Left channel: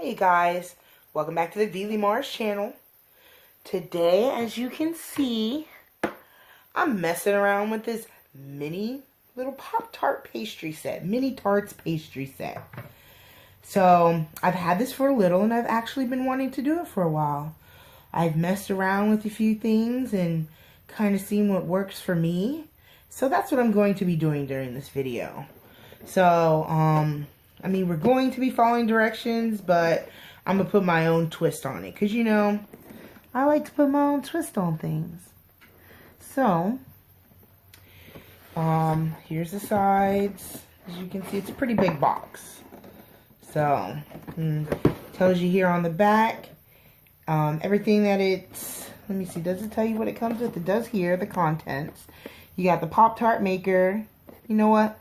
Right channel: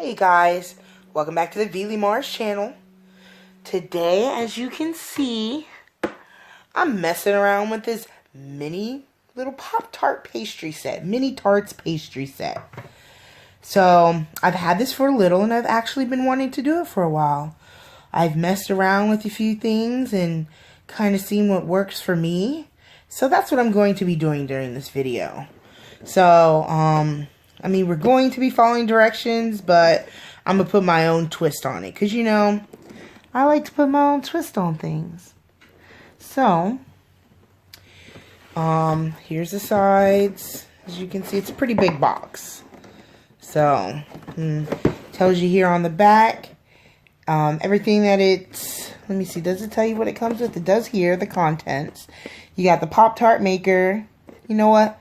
Hey guys, welcome back to the d.i.y channel. Today, as you can see, I'm messing around with this mini little Pop-Tart pastry set, mini Tarts pastry set. So, I've had this for a little and I've actually been wanting to do it for a while. I've messed around with a few things and kind of seen what works for me. So that's what I'm going to be doing during this video. So, I mean, we're going to be following directions, but I'm going to put my own twist on it. Because, you know, I like to put my own twist on things. So, here's the sides. As you can see, it's a pretty big box. So, tells you here on the back, everything that it's, let me see, does it tell you what it comes with? It does here, the contents. You got the Pop-Tart maker. You know what?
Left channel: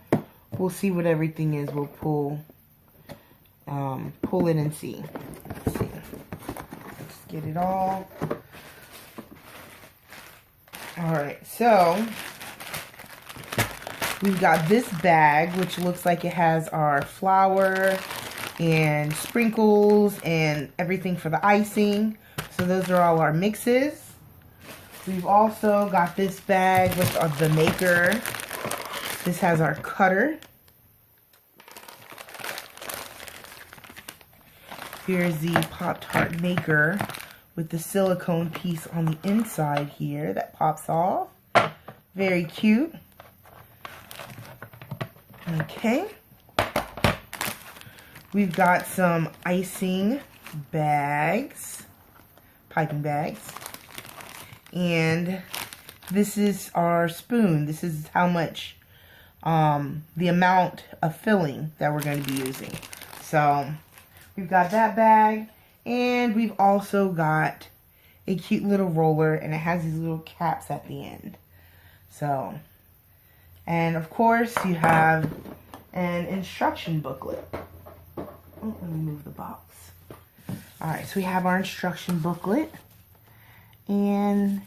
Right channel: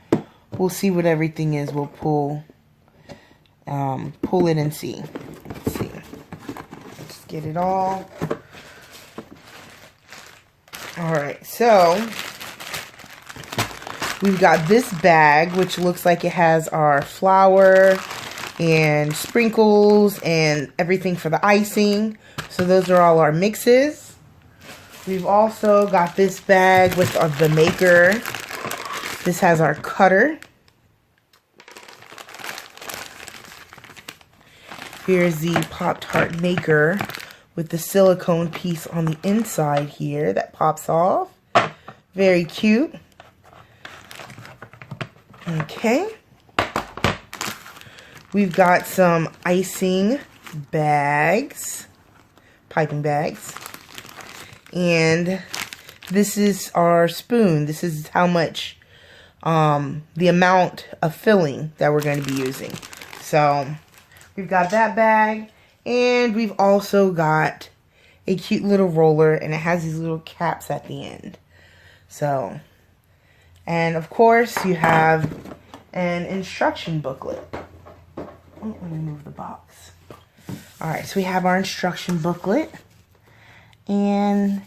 We'll see what everything is. We'll pull it and see. Let's see. Let's get it all. Alright, so we've got this bag, which looks like it has our flour and sprinkles and everything for the icing. So those are all our mixes. We've also got this bag with the maker. This has our cutter. Here's the Pop-Tart maker with the silicone piece on the inside here that pops off. Very cute. Okay. We've got some icing bags, piping bags. And this is our spoon. This is how much, the amount of filling that we're going to be using. So, we've got that bag, and we've also got a cute little roller, and it has these little caps at the end. So, and of course, you have an instruction booklet. Oh, let me move the box. Alright, so we have our instruction booklet, and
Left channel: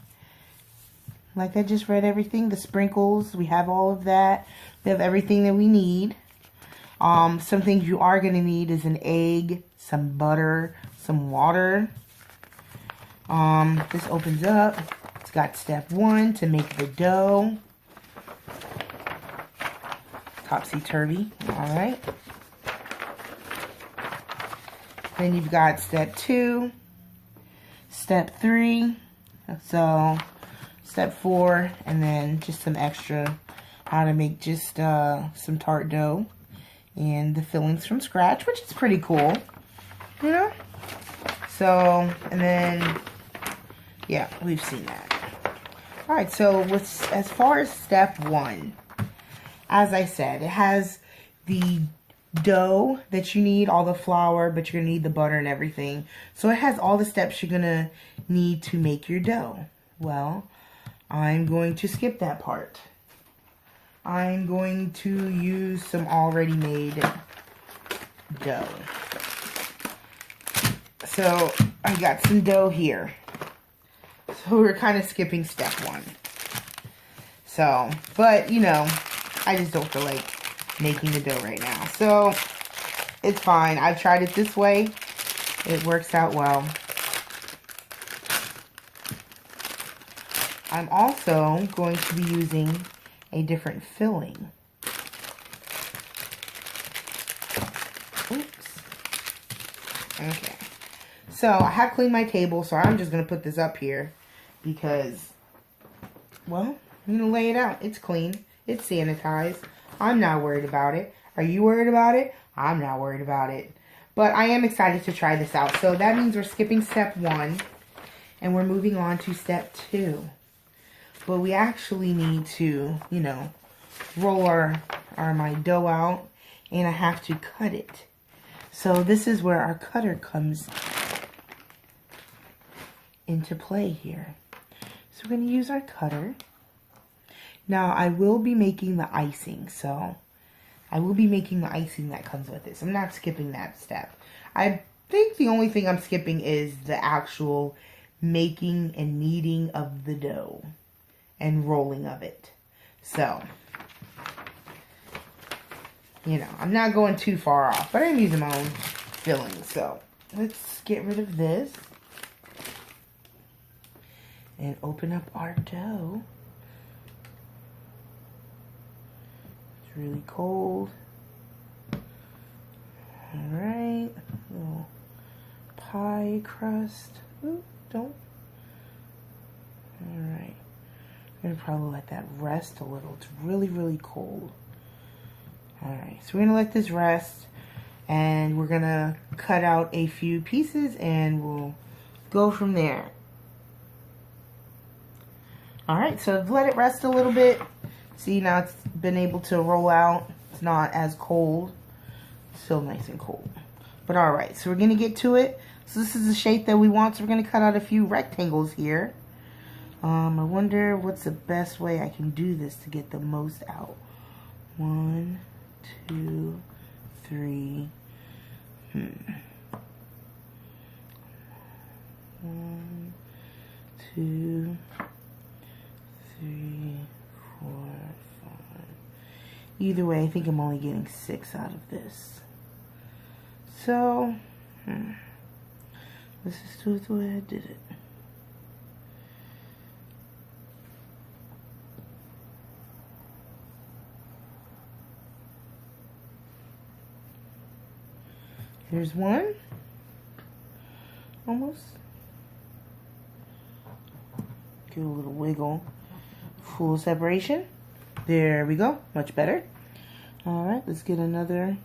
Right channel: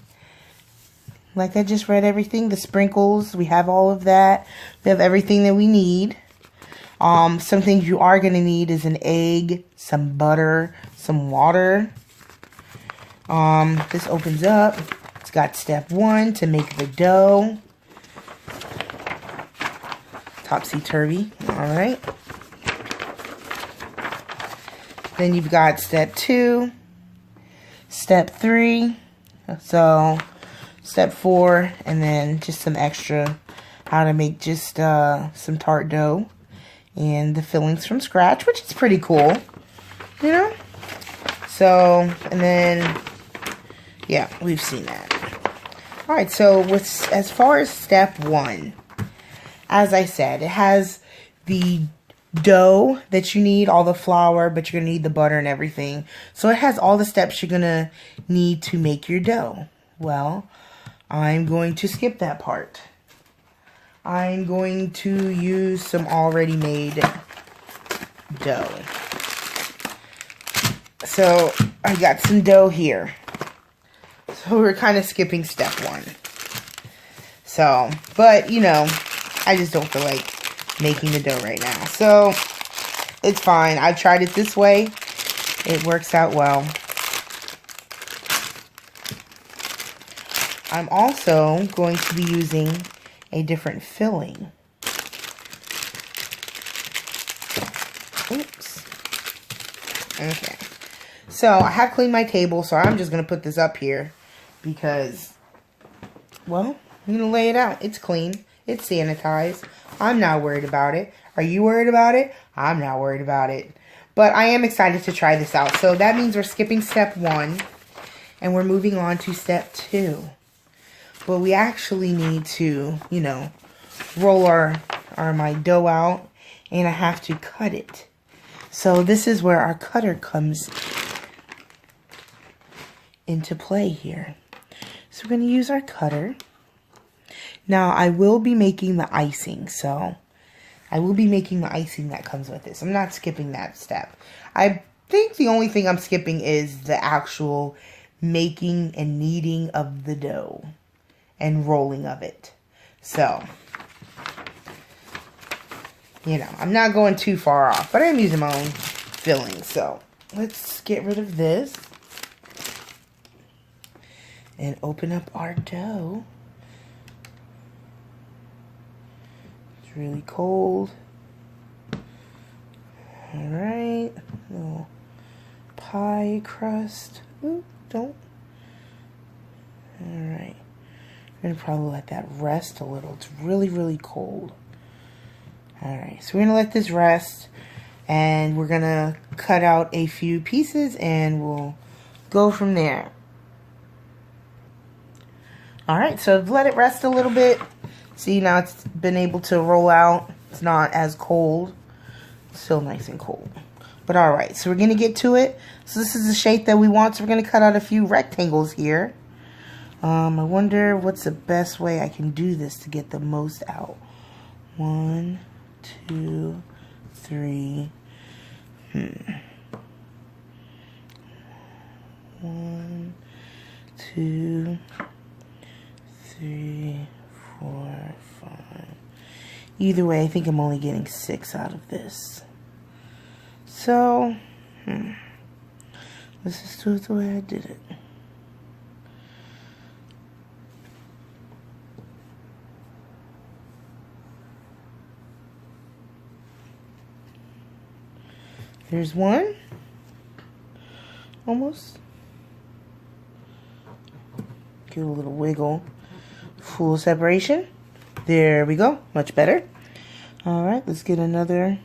like I just read everything, the sprinkles, we have all of that. We have everything that we need. Some things you are going to need is an egg, some butter, some water. This opens up. It's got step 1 to make the dough. Topsy-turvy. Alright. Then you've got step 2, step 3, so step 4, and then just some extra how to make just some tart dough and the fillings from scratch, which is pretty cool, you know. So, and then yeah, we've seen that. All right, so as far as step 1, as I said, it has the dough that you need, all the flour, but you're gonna need the butter and everything. So it has all the steps you're gonna need to make your dough. Well, I'm going to skip that part. I'm going to use some already made dough. So I got some dough here. So we're kind of skipping step 1. So, but you know, I just don't feel like making the dough right now. So it's fine. I've tried it this way. It works out well. I'm also going to be using a different filling. Oops. Okay. So I have cleaned my table, so I'm just going to put this up here because, well, I'm going to lay it out. It's clean. It's sanitized. I'm not worried about it. Are you worried about it? I'm not worried about it. But I am excited to try this out. So that means we're skipping step 1 and we're moving on to step 2. But we actually need to, you know, roll my dough out, and I have to cut it. So this is where our cutter comes into play here. So we're going to use our cutter. Now I will be making the icing, so I will be making the icing that comes with this. I'm not skipping that step. I think the only thing I'm skipping is the actual making and kneading of the dough and rolling of it. So, you know, I'm not going too far off, but I'm using my own filling, so let's get rid of this and open up our dough. It's really cold. Alright, little pie crust. Ooh, don't. Alright, I'm gonna probably let that rest a little. It's really, really cold. Alright, so we're gonna let this rest, and we're gonna cut out a few pieces and we'll go from there. Alright, so let it rest a little bit. See, now it's been able to roll out. It's not as cold. Still nice and cold. But alright, so we're going to get to it. So this is the shape that we want. So we're going to cut out a few rectangles here. I wonder what's the best way I can do this to get the most out. 1, 2, 3. 1, 2, 3, 4, 5. Either way, I think I'm only getting 6 out of this. So, let's just do it the way I did it. There's one. Almost. Give it a little wiggle. Full separation. There we go. Much better. Alright, let's get another.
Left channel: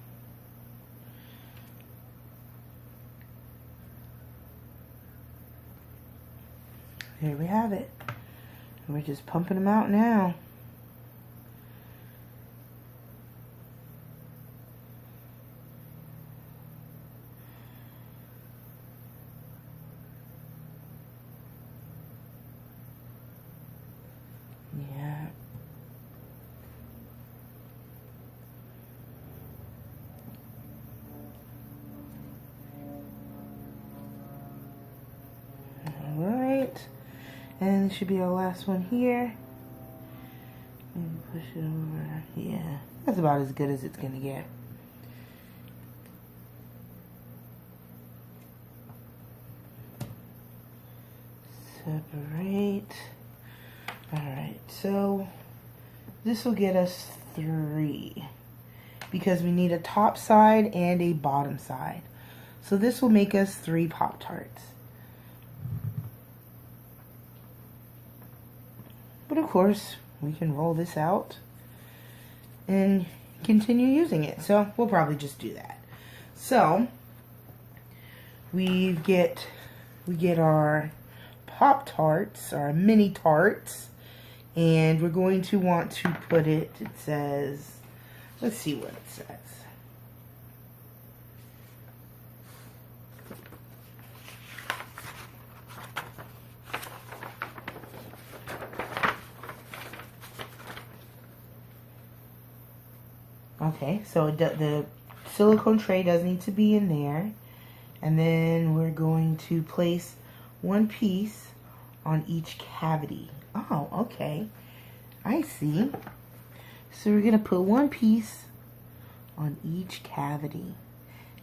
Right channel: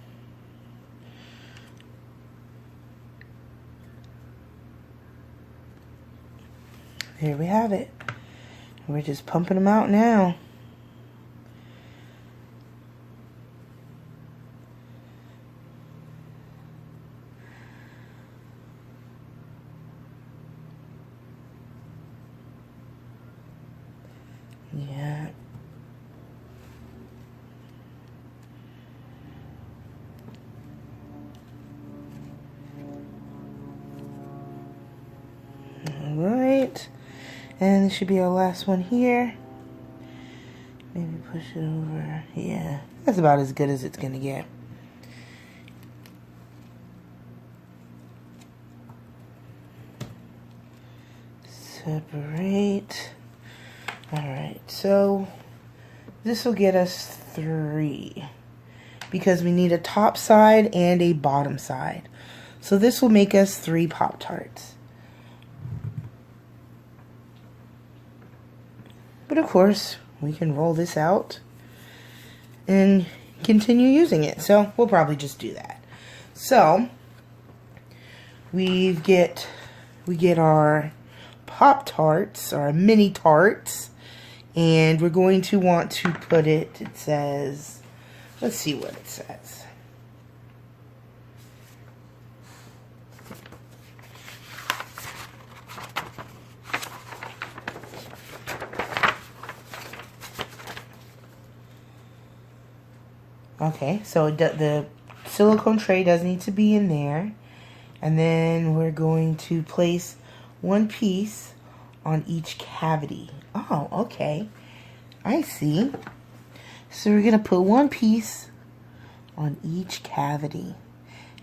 There we have it. We're just pumping them out now. Yeah. Alright. And this should be our last one here. Maybe push it over. Yeah. That's about as good as it's going to get. Separate. Alright, so this will get us 3 because we need a top side and a bottom side. So this will make us 3 Pop-Tarts. But of course, we can roll this out and continue using it. So we'll probably just do that. So we get our Pop-Tarts, our mini tarts. And we're going to want to put it says, let's see what it says. Okay, so the silicone tray does need to be in there. And then we're going to place 1 piece on each cavity. Oh, okay. I see. So we're going to put 1 piece on each cavity.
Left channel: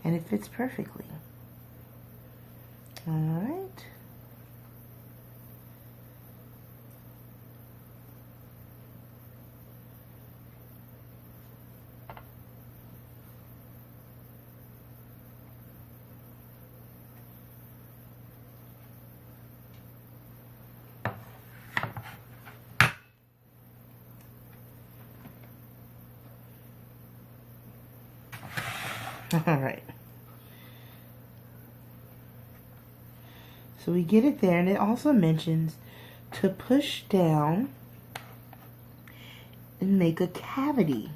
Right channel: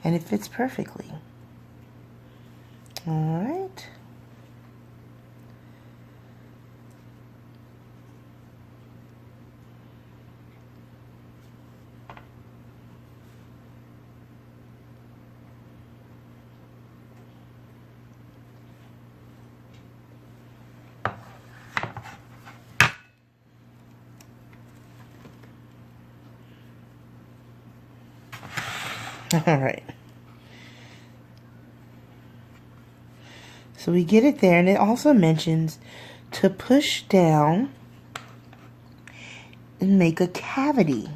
And it fits perfectly. Alright. Alright. So we get it there, and it also mentions to push down and make a cavity.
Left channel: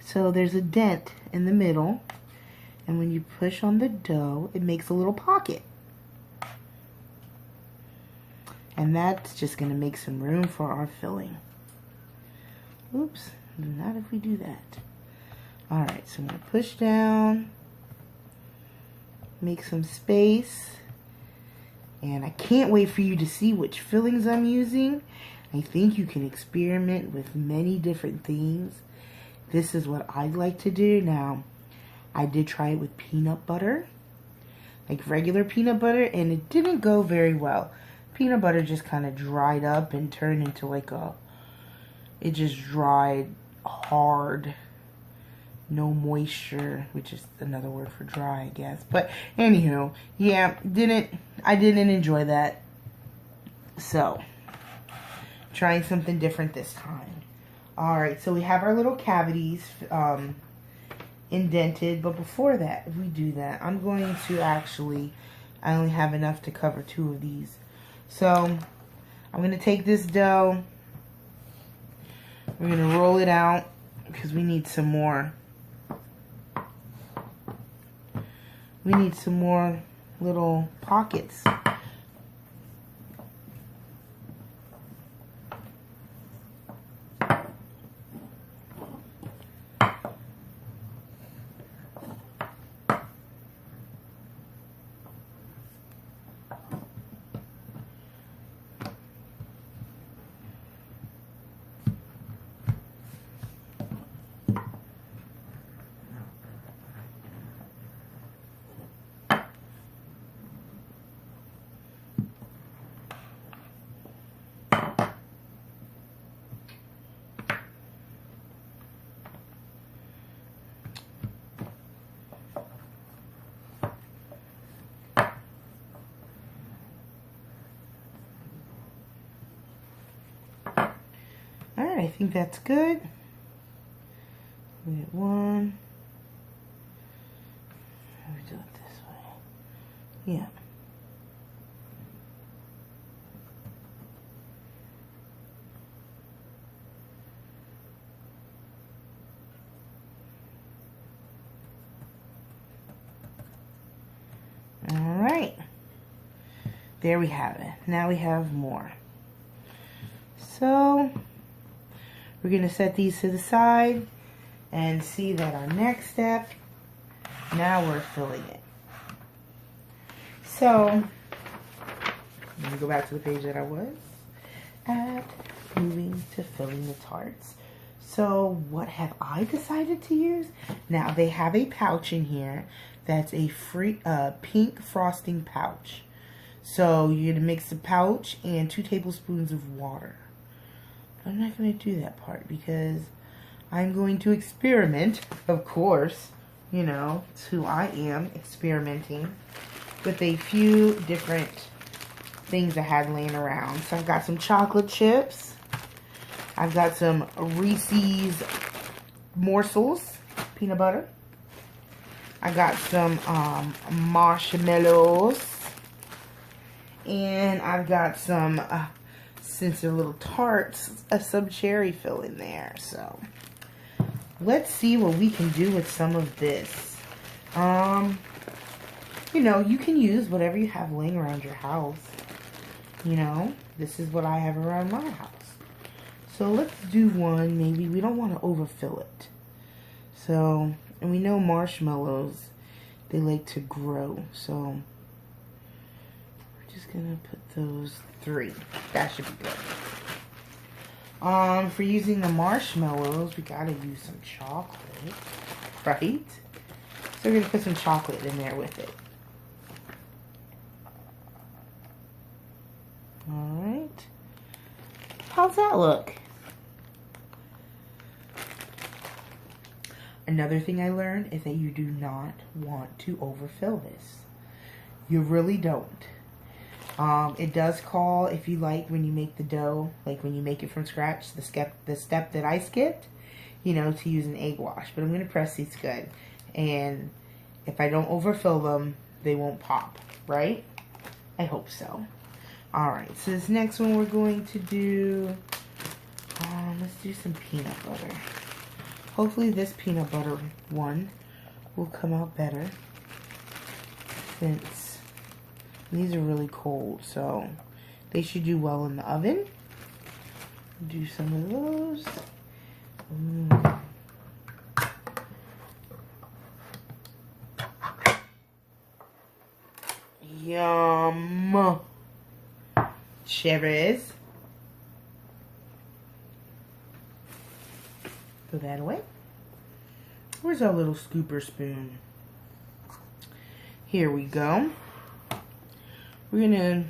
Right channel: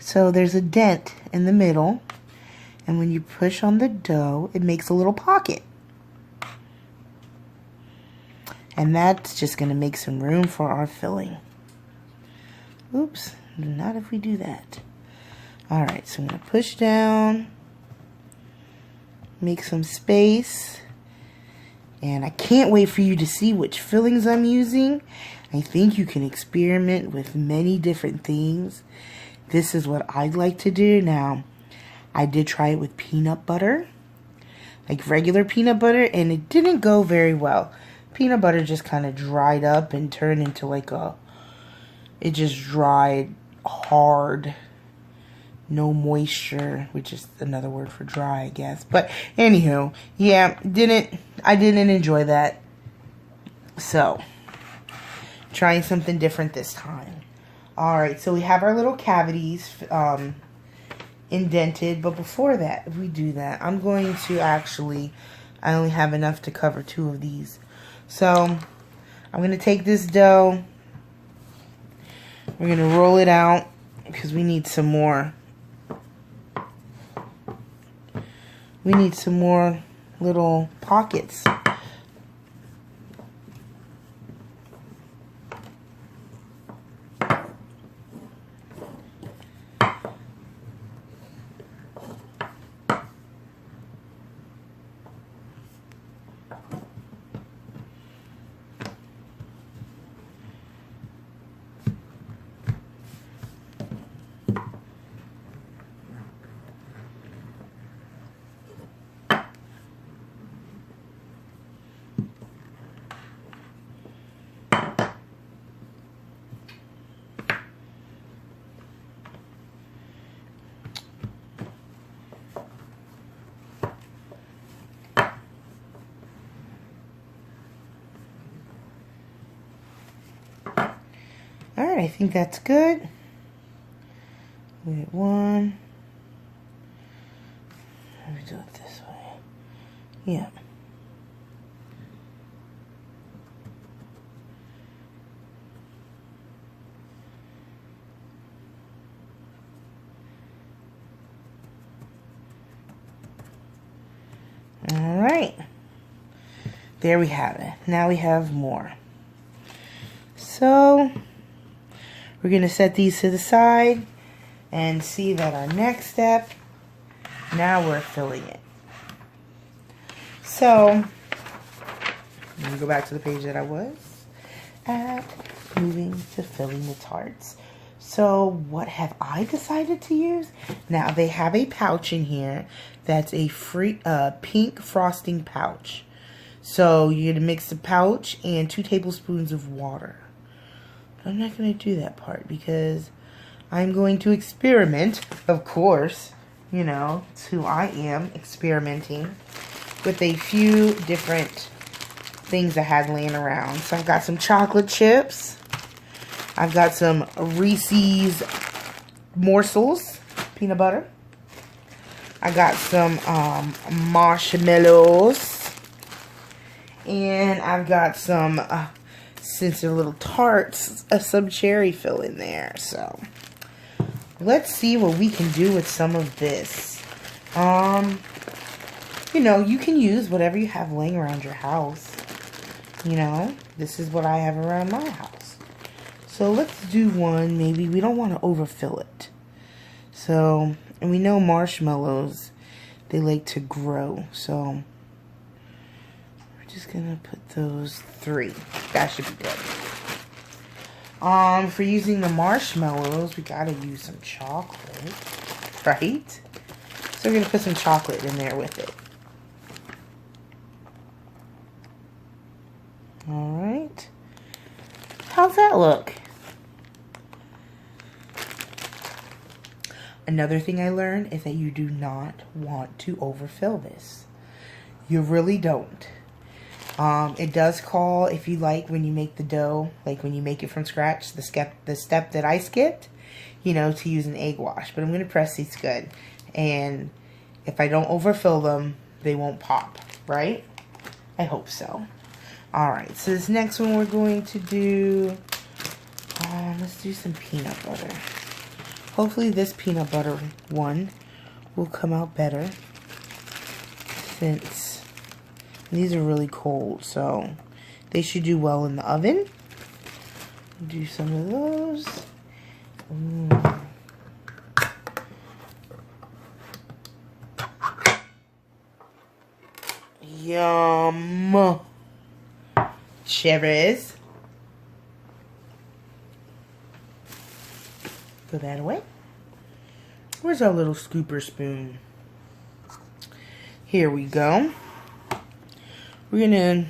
So there's a dent in the middle, and when you push on the dough, it makes a little pocket. And that's just going to make some room for our filling. Oops, not if we do that. Alright, so I'm going to push down, make some space, and I can't wait for you to see which fillings I'm using. I think you can experiment with many different things. This is what I'd like to do. Now, I did try it with peanut butter. like regular peanut butter, and it didn't go very well. Peanut butter just kind of dried up and turned into like it just dried hard. No moisture, which is another word for dry, I guess. But anywho, yeah, I didn't enjoy that. So, trying something different this time. Alright, so we have our little cavities indented. But before that, if we do that, I'm going to actually, I only have enough to cover 2 of these. So, I'm going to take this dough. We're going to roll it out because we need some more. We need some more little pockets. Alright, I think that's good. We get 1. Let me do it this way. Yeah. Alright. There we have it. Now we have more. So, we're going to set these to the side and see that our next step, now we're filling it. So, let me go back to the page that I was at, moving to filling the tarts. So, what have I decided to use? Now, they have a pouch in here that's a free pink frosting pouch. So, you're going to mix the pouch and 2 tablespoons of water. I'm not going to do that part because I'm going to experiment, of course. You know, it's who I am, experimenting with a few different things I had laying around. So I've got some chocolate chips. I've got some Reese's morsels, peanut butter. I got some marshmallows. And I've got some... since they're little tarts, some cherry fill in there. So, let's see what we can do with some of this. You know, you can use whatever you have laying around your house. You know, this is what I have around my house. So, let's do one. Maybe we don't want to overfill it. So, and we know marshmallows, they like to grow. So, just gonna put those 3. That should be good. For using the marshmallows, we gotta use some chocolate, right? So we're gonna put some chocolate in there with it. Alright. How's that look? Another thing I learned is that you do not want to overfill this. You really don't. It does call, if you like, when you make the dough, like when you make it from scratch, the step that I skipped, you know, to use an egg wash. But I'm going to press these good. And if I don't overfill them, they won't pop, right? I hope so. Alright, so this next one we're going to do, let's do some peanut butter. Hopefully this peanut butter one will come out better, since these are really cold, so they should do well in the oven. Do some of those. Yum. Cherries. Put that away. Where's our little scooper spoon? Here we go. We're gonna,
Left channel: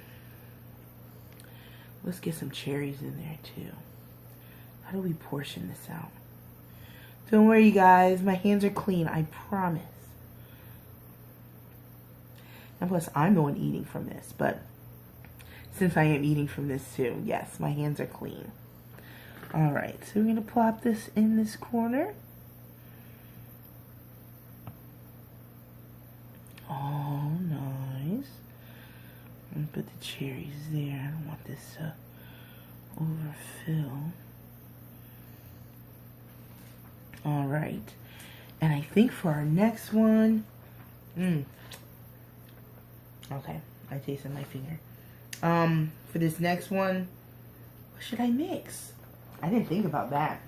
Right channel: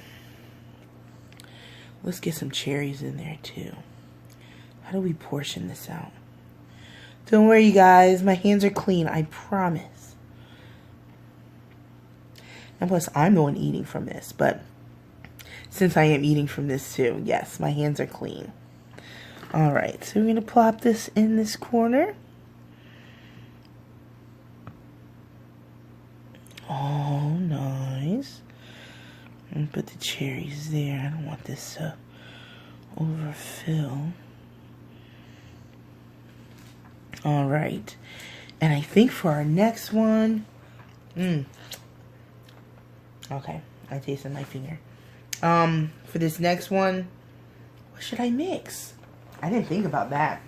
let's get some cherries in there too. How do we portion this out? Don't worry, you guys. My hands are clean. I promise. And plus, I'm the one eating from this. But since I am eating from this too, yes, my hands are clean. Alright, so we're going to plop this in this corner. Oh, nice. And put the cherries there. I don't want this to overfill. Alright. And I think for our next one... Okay, I tasted my finger. For this next one, what should I mix? I didn't think about that.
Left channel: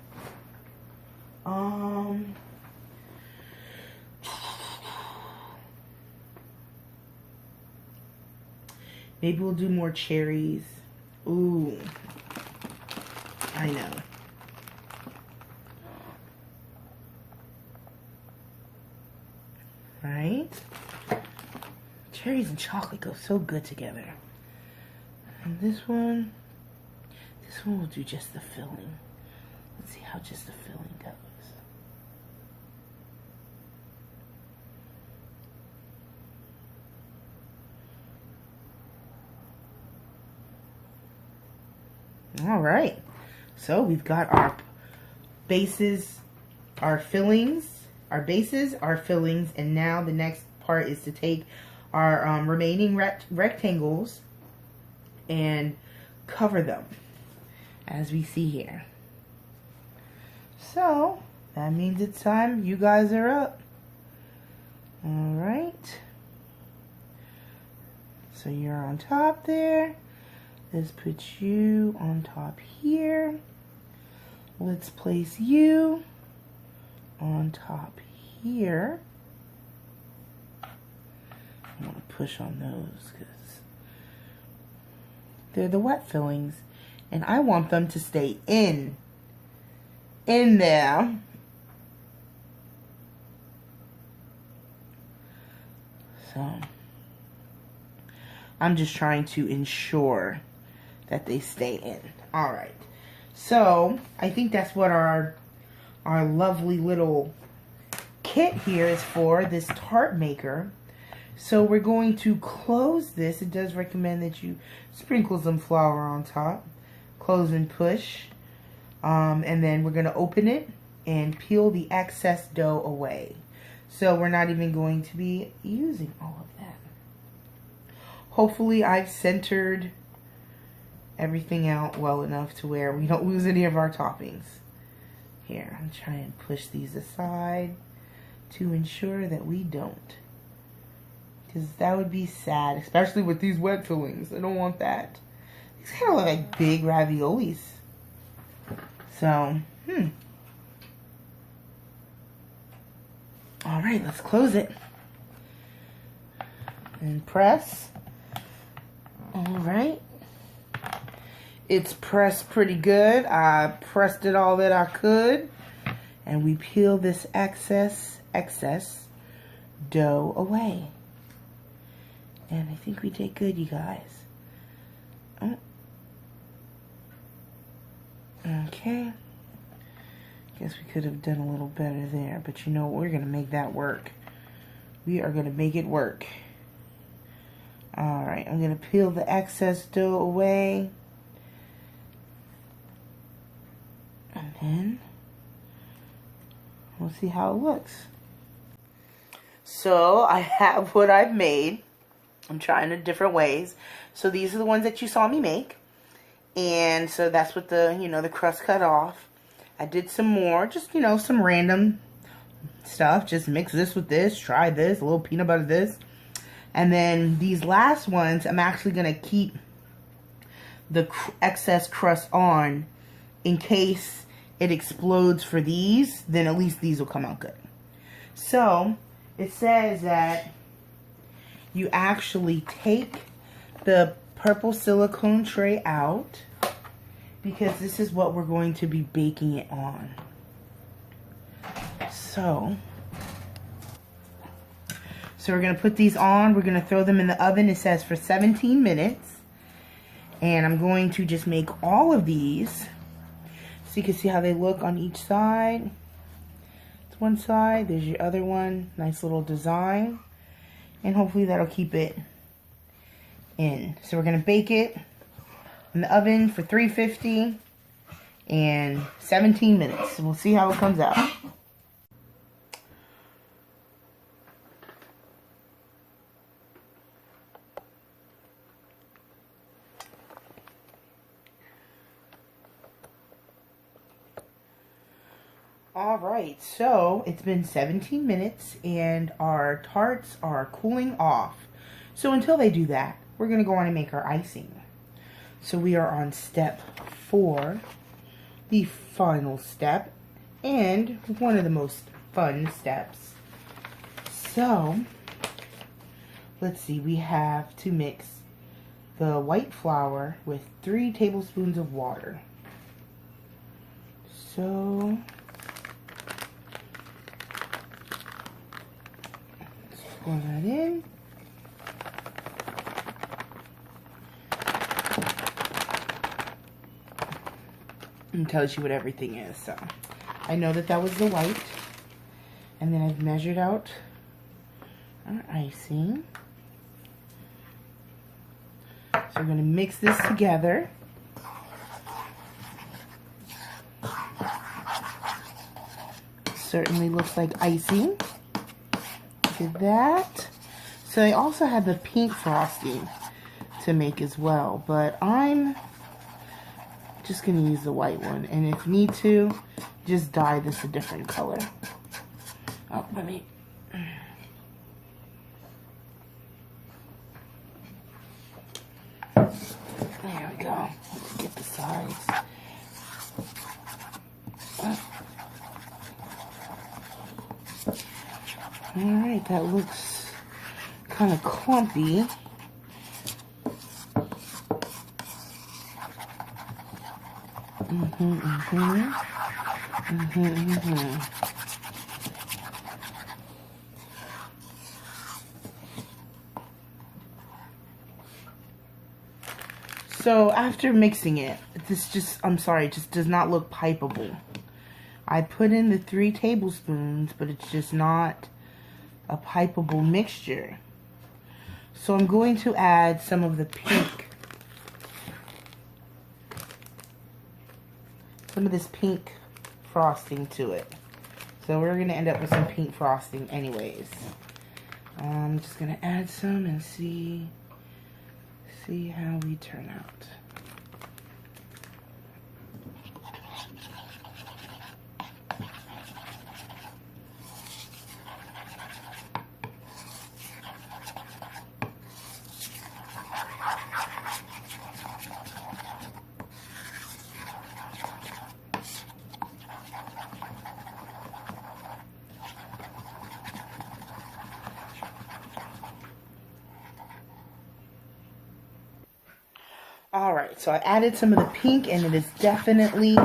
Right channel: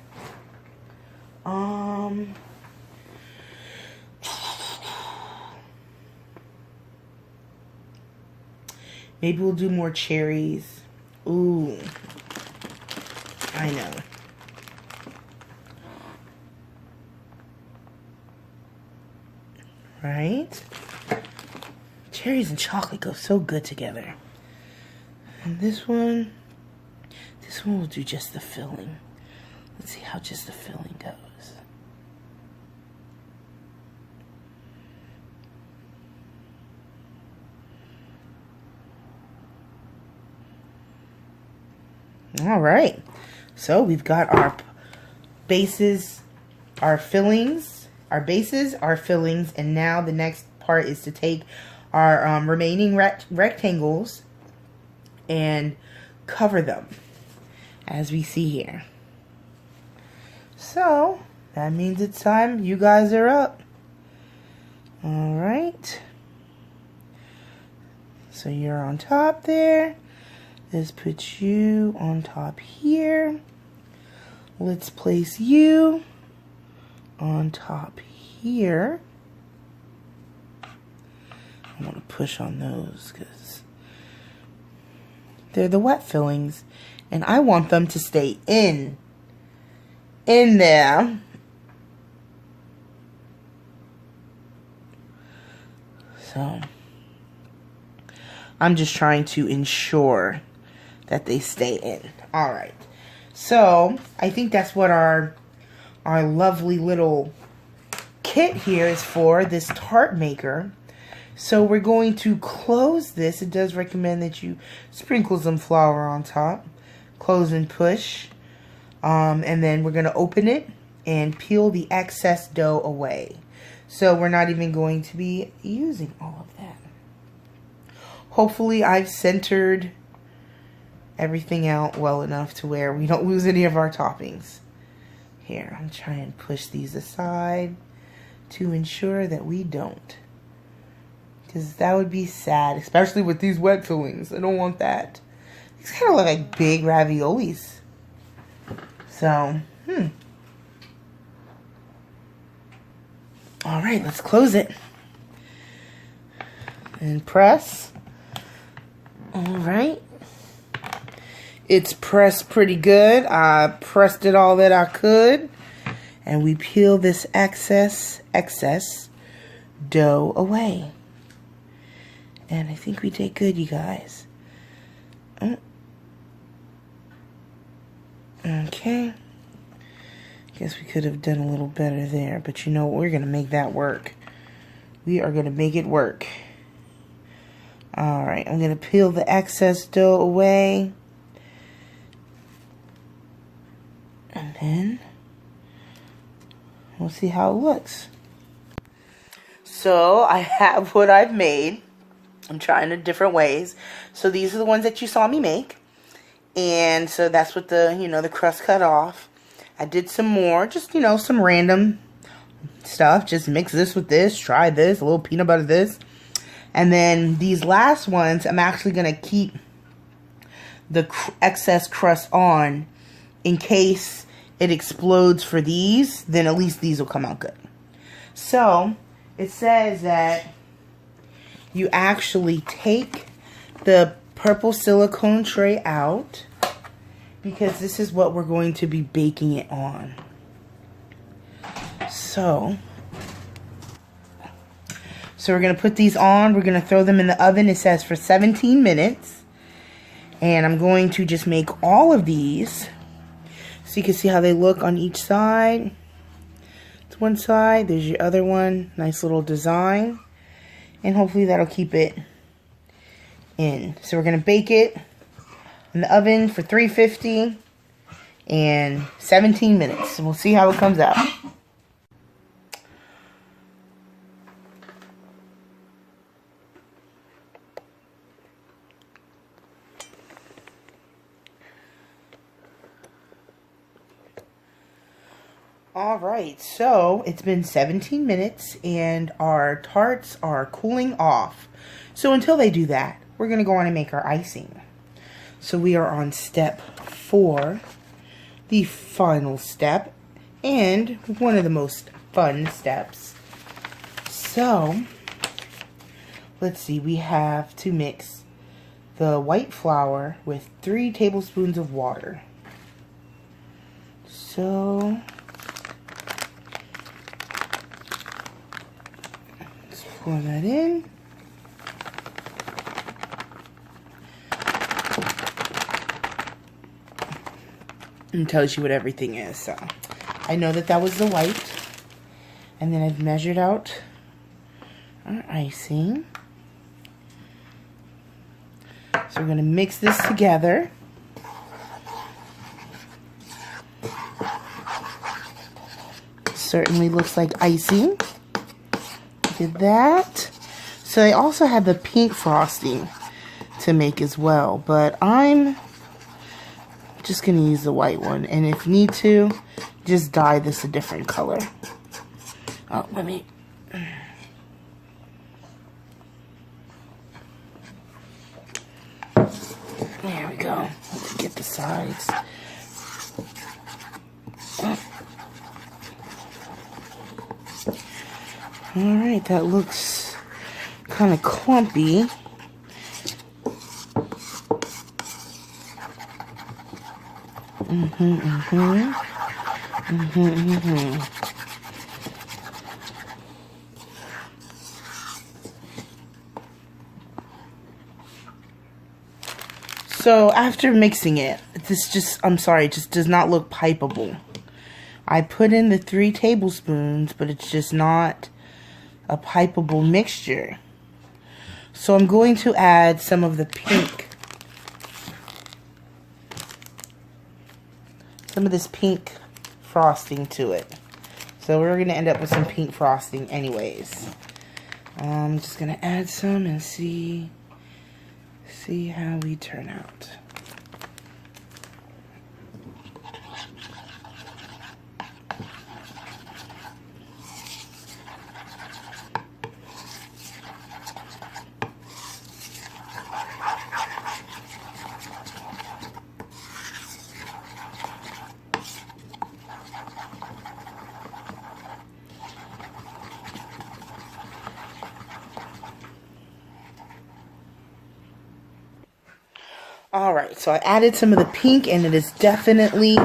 Maybe we'll do more cherries. Ooh, I know. Right? Cherries and chocolate go so good together. And this one will do just the filling. Let's see how just the filling goes. All right, so we've got our bases, our fillings, our bases, our fillings, and now the next part is to take our remaining rectangles and cover them, as we see here. So that means it's time. You guys are up. All right. So you're on top there. Let's put you on top here. Let's place you on top here. I'm going to push on those because they're the wet fillings. And I want them to stay in there. So I'm just trying to ensure that they stay in. All right. So I think that's what our lovely little kit here is for, this tart maker. So we're going to close this. It does recommend that you sprinkle some flour on top. Close and push. And then we're going to open it and peel the excess dough away. So we're not even going to be using all of that. Hopefully I've centered everything out well enough to where we don't lose any of our toppings. Here, I'm trying to push these aside to ensure that we don't. Because that would be sad, especially with these wet fillings. I don't want that. These kind of look like big raviolis. So, all right, let's close it. And press. All right. It's pressed pretty good. I pressed it all that I could. And we peel this excess dough away. And I think we did good, you guys. Okay. Guess we could have done a little better there. But you know what? We're going to make that work. We are going to make it work. Alright, I'm going to peel the excess dough away. And then we'll see how it looks. So I have what I've made. I'm trying it different ways. So these are the ones that you saw me make. And so that's what the, the crust cut off. I did some more, just, some random stuff. Just mix this with this, try this, a little peanut butter this. And then these last ones, I'm actually going to keep the excess crust on in case it explodes for these. Then at least these will come out good. So it says that you actually take the purple silicone tray out because this is what we're going to be baking it on. So we're going to put these on. We're going to throw them in the oven. It says for 17 minutes. And I'm going to just make all of these. So you can see how they look on each side. It's one side. There's your other one. Nice little design. And hopefully that'll keep it in. So we're going to bake it in the oven for 350 and 17 minutes. And we'll see how it comes out. Alright, so it's been 17 minutes and our tarts are cooling off. So until they do that, we're going to go on and make our icing. So we are on step 4, the final step, and one of the most fun steps. So, let's see, we have to mix the white flour with 3 tablespoons of water. So, let's pour that in. And tells you what everything is. So I know that that was the white, and then I've measured out our icing. So we're going to mix this together. Certainly looks like icing. Look at that. So they also have the pink frosting to make as well, but I'm just going to use the white one, and if need to, just dye this a different color. Oh, let me... There we go. Let's get the sides. Alright, that looks kind of clumpy. So after mixing it, this just, I'm sorry, it just does not look pipeable. I put in the 3 tablespoons, but it's just not a pipeable mixture. So I'm going to add some of the pink. Some of this pink frosting to it. So we're going to end up with some pink frosting anyways. I'm just going to add some and see how we turn out. Alright, so I added some of the pink, and it is definitely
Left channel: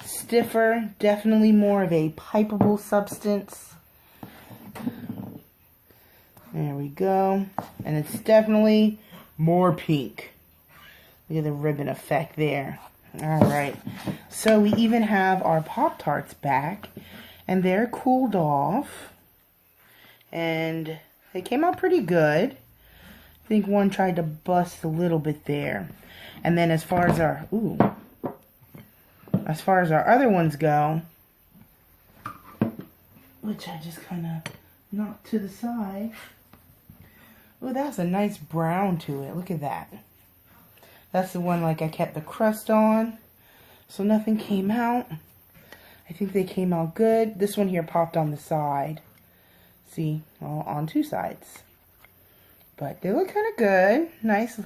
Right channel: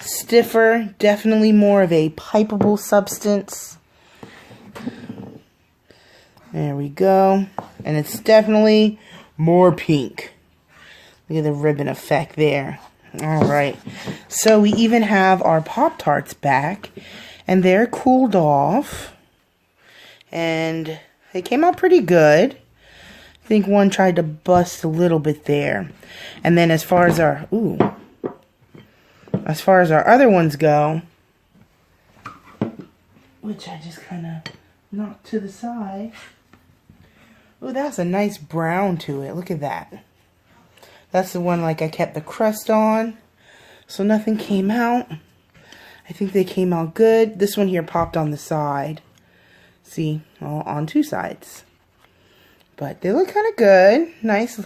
stiffer, definitely more of a pipeable substance. There we go. And it's definitely more pink. Look at the ribbon effect there. Alright, so we even have our Pop-Tarts back, and they're cooled off. And they came out pretty good. I think one tried to bust a little bit there. And then as far as our other ones go, which I just kind of knocked to the side. Oh, that's a nice brown to it. Look at that. That's the one like I kept the crust on, so nothing came out. I think they came out good. This one here popped on the side. See, all on 2 sides. But they look kind of good. Nice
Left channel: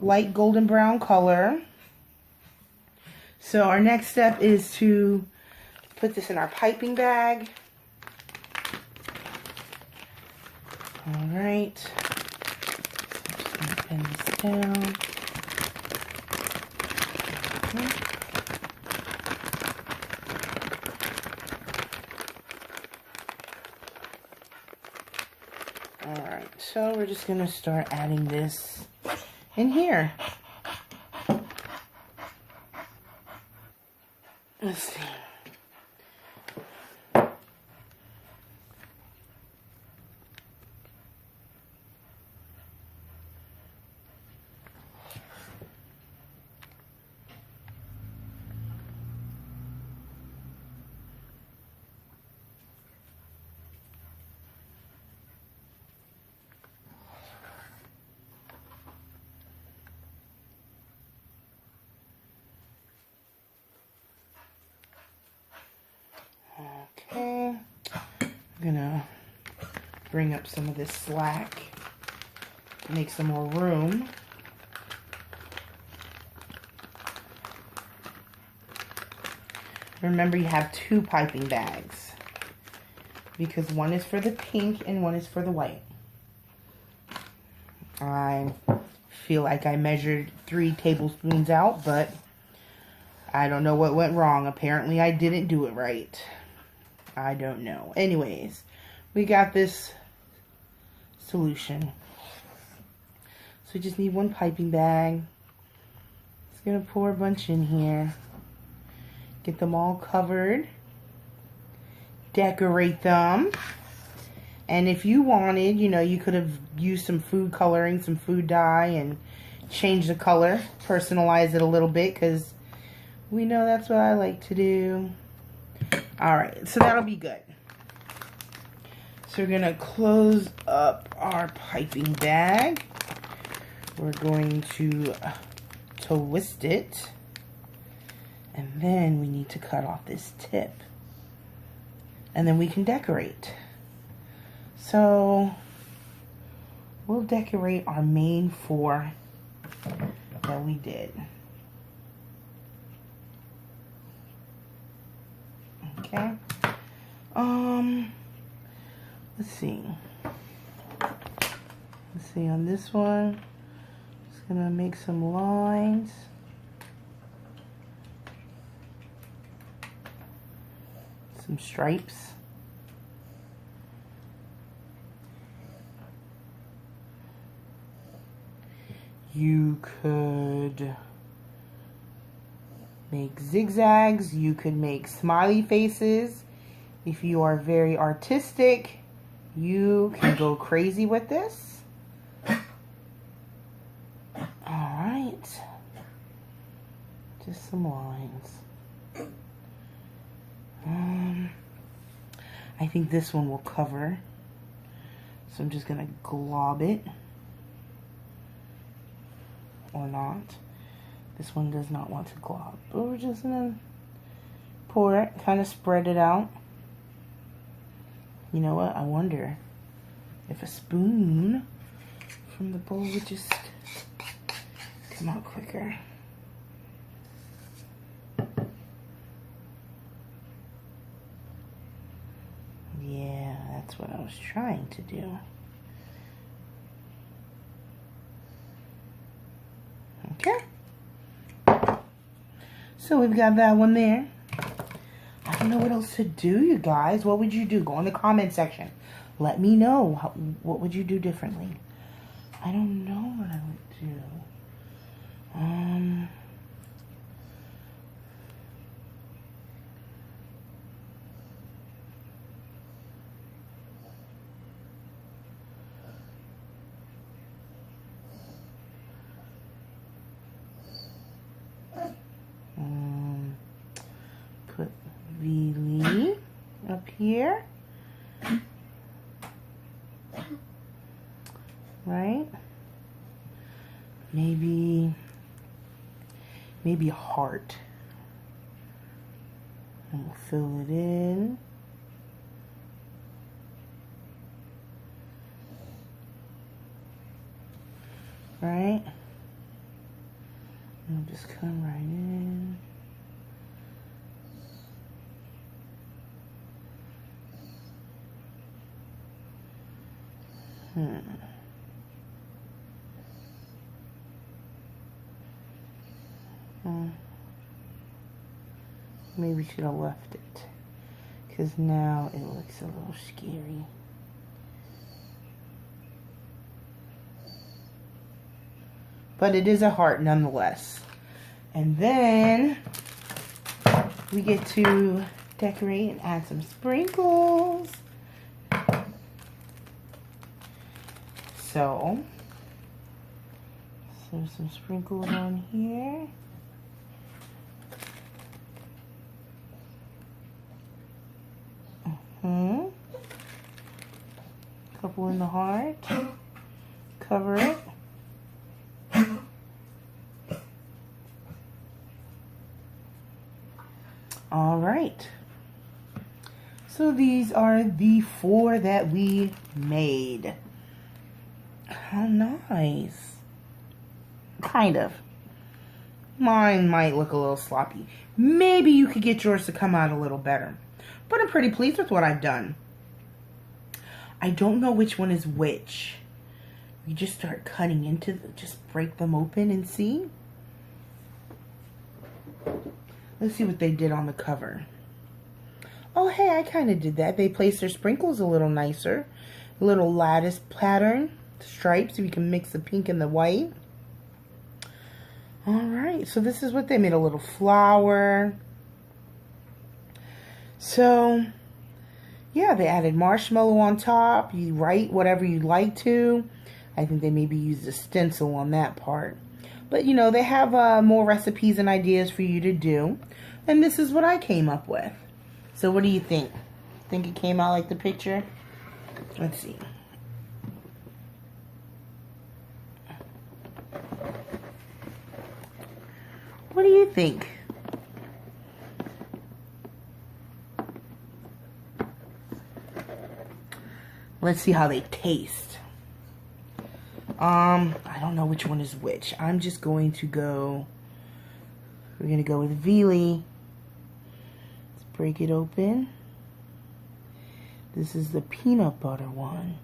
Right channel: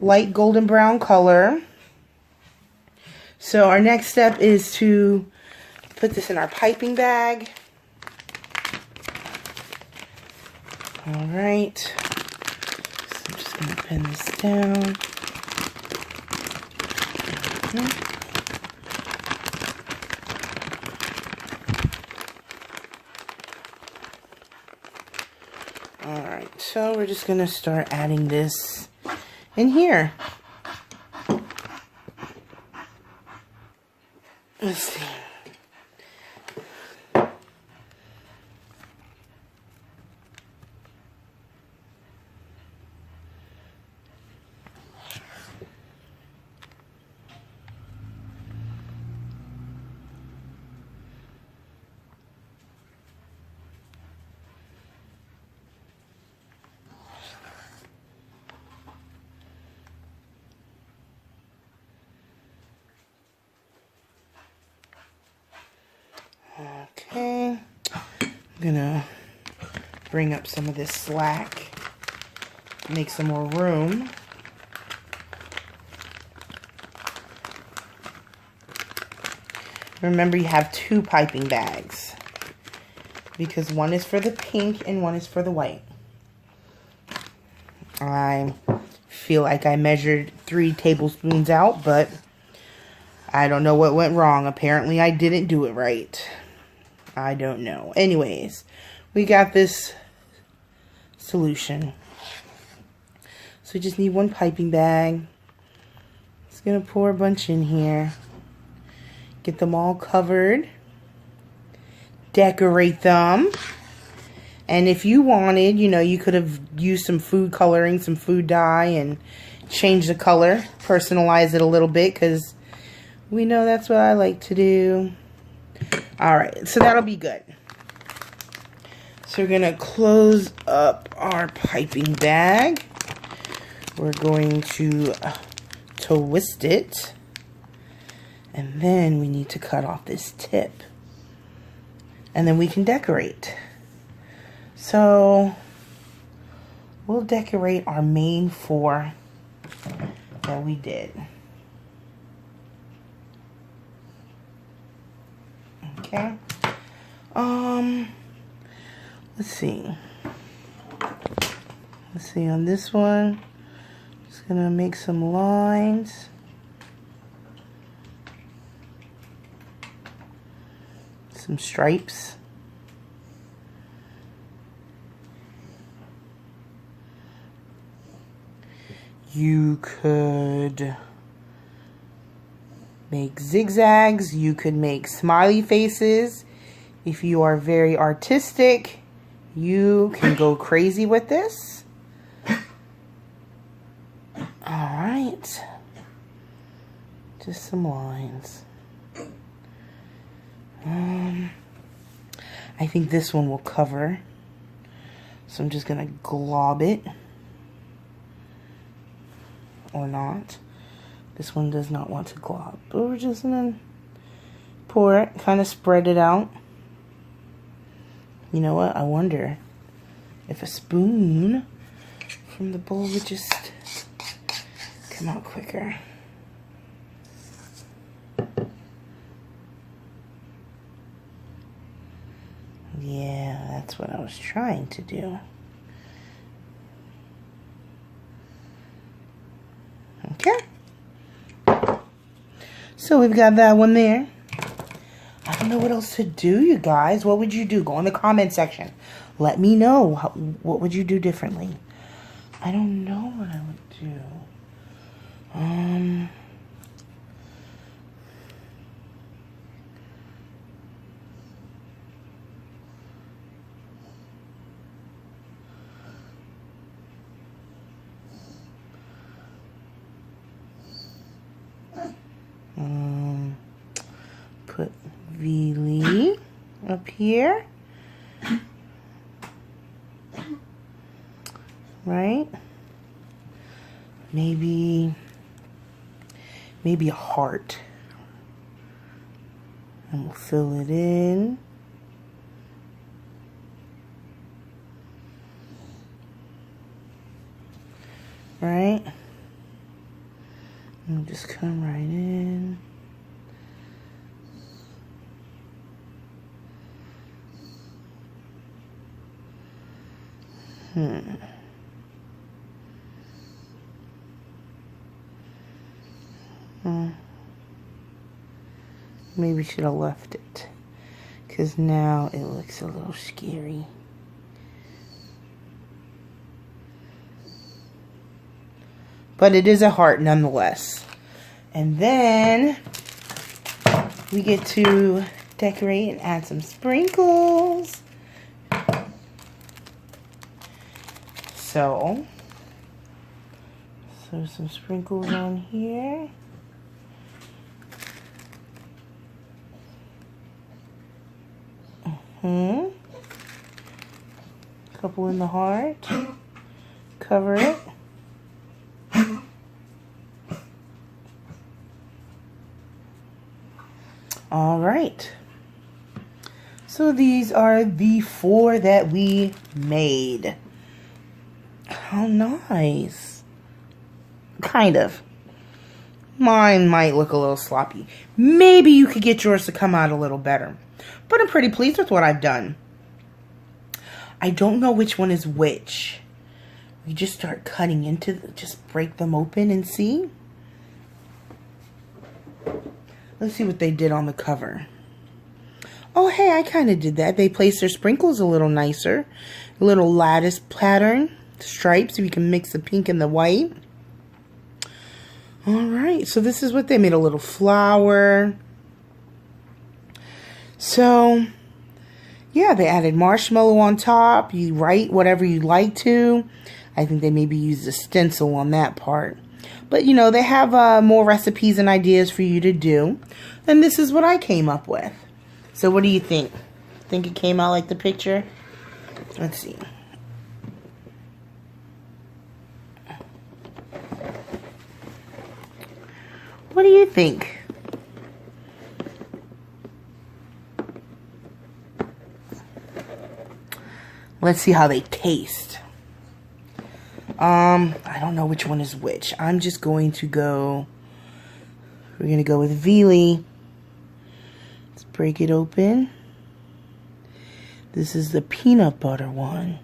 light golden brown color. So our next step is to put this in our piping bag. Alright. So I'm just going to pin this down. Okay. so we're just gonna start adding this in here. Let's see. Okay, I'm gonna bring up some of this slack, make some more room. Remember, you have 2 piping bags because one is for the pink and one is for the white. I feel like I measured 3 tablespoons out, but I don't know what went wrong. Apparently, I didn't do it right. I don't know. Anyways, we got this solution. So we just need 1 piping bag. Just gonna pour a bunch in here. Get them all covered. Decorate them. And if you wanted, you know, you could have used some food coloring, some food dye, and change the color. Personalize it a little bit, because we know that's what I like to do. Alright, so that'll be good. So we're going to close up our piping bag. We're going to twist it. And then we need to cut off this tip. And then we can decorate. So we'll decorate our main 4 that we did. Okay. Let's see. Let's see on this one. Just gonna make some lines. Some stripes. You could make zigzags. You could make smiley faces. If you are very artistic, you can go crazy with this. Alright. Just some lines. I think this one will cover. So I'm just going to glob it. Or not. This one does not want to glob. But we're just going to pour it, kind of spread it out. You know what? I wonder if a spoon from the bowl would just come out quicker. Yeah, that's what I was trying to do. Okay. So we've got that one there. I don't know what else to do, you guys. What would you do? Go in the comment section. Let me know. What would you do differently? I don't know what I would do. Put Vili up here. Right? Maybe a heart. And we'll fill it in. Right? And we'll just come right in. Maybe should have left it, because now it looks a little scary. but it is a heart nonetheless. And then we get to decorate and add some sprinkles. So some sprinkles on here. Couple in the heart. Cover it. All right. So these are the 4 that we made. How nice. Kind of. Mine might look a little sloppy. Maybe you could get yours to come out a little better. But I'm pretty pleased with what I've done. I don't know which one is which. We just start cutting into just break them open and see. Let's see what they did on the cover. Oh, hey, I kind of did that. They placed their sprinkles a little nicer. A little lattice pattern. Stripes, so we can mix the pink and the white. Alright, so this is what they made. A little flower. So, yeah, they added marshmallow on top. You write whatever you'd like to. I think they maybe used a stencil on that part. But, you know, they have more recipes and ideas for you to do. And this is what I came up with. So what do you think? Think it came out like the picture? Let's see. What do you think? Let's see how they taste. I don't know which one is which. I'm just going to go, we're going to go with Veely. Let's break it open. This is the peanut butter one.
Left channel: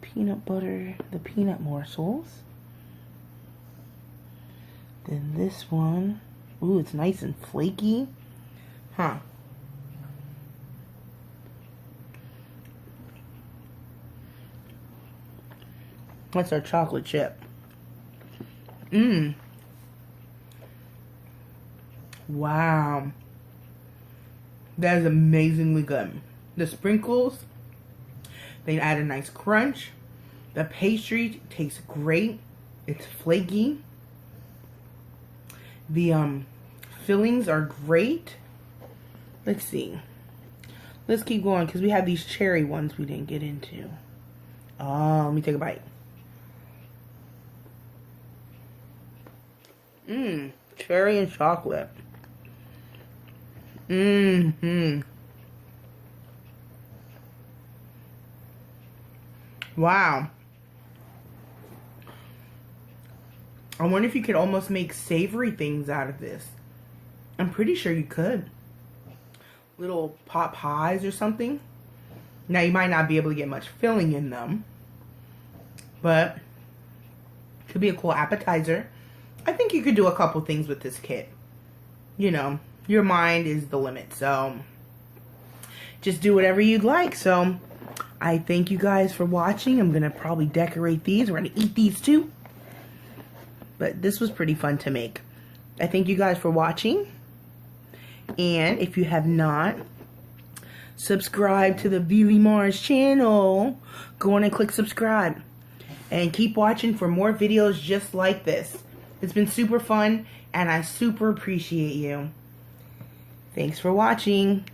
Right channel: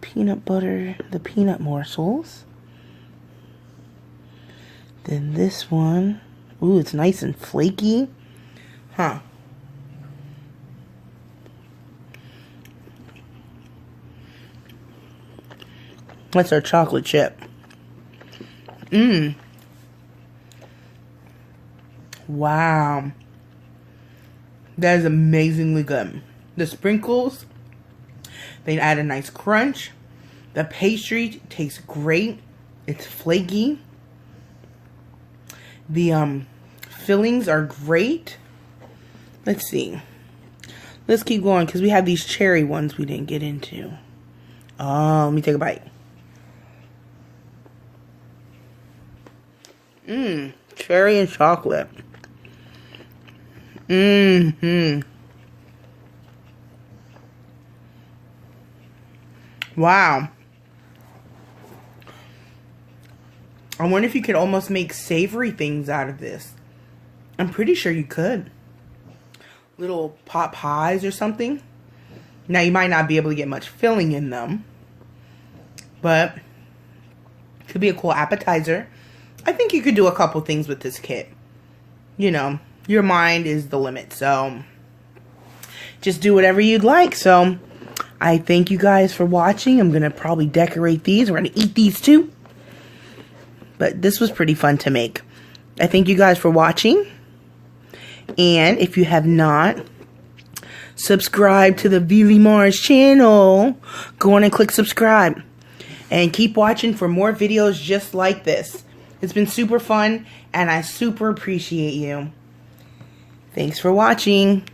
Peanut butter, the peanut morsels. Then this one, ooh, it's nice and flaky. Huh. That's our chocolate chip. Wow. That is amazingly good. The sprinkles, they add a nice crunch. The pastry tastes great. It's flaky. The fillings are great. Let's see. Let's keep going because we have these cherry ones we didn't get into. Oh, let me take a bite. Cherry and chocolate. Wow. I wonder if you could almost make savory things out of this. I'm pretty sure you could. Little pot pies or something. Now, you might not be able to get much filling in them. But it could be a cool appetizer. I think you could do a couple things with this kit. You know, your mind is the limit. So, just do whatever you'd like. So, I thank you guys for watching. I'm going to probably decorate these. We're going to eat these too. But this was pretty fun to make. I thank you guys for watching. And if you have not subscribed to the Veely Mars channel, go on and click subscribe. And keep watching for more videos just like this. It's been super fun, and I super appreciate you. Thanks for watching.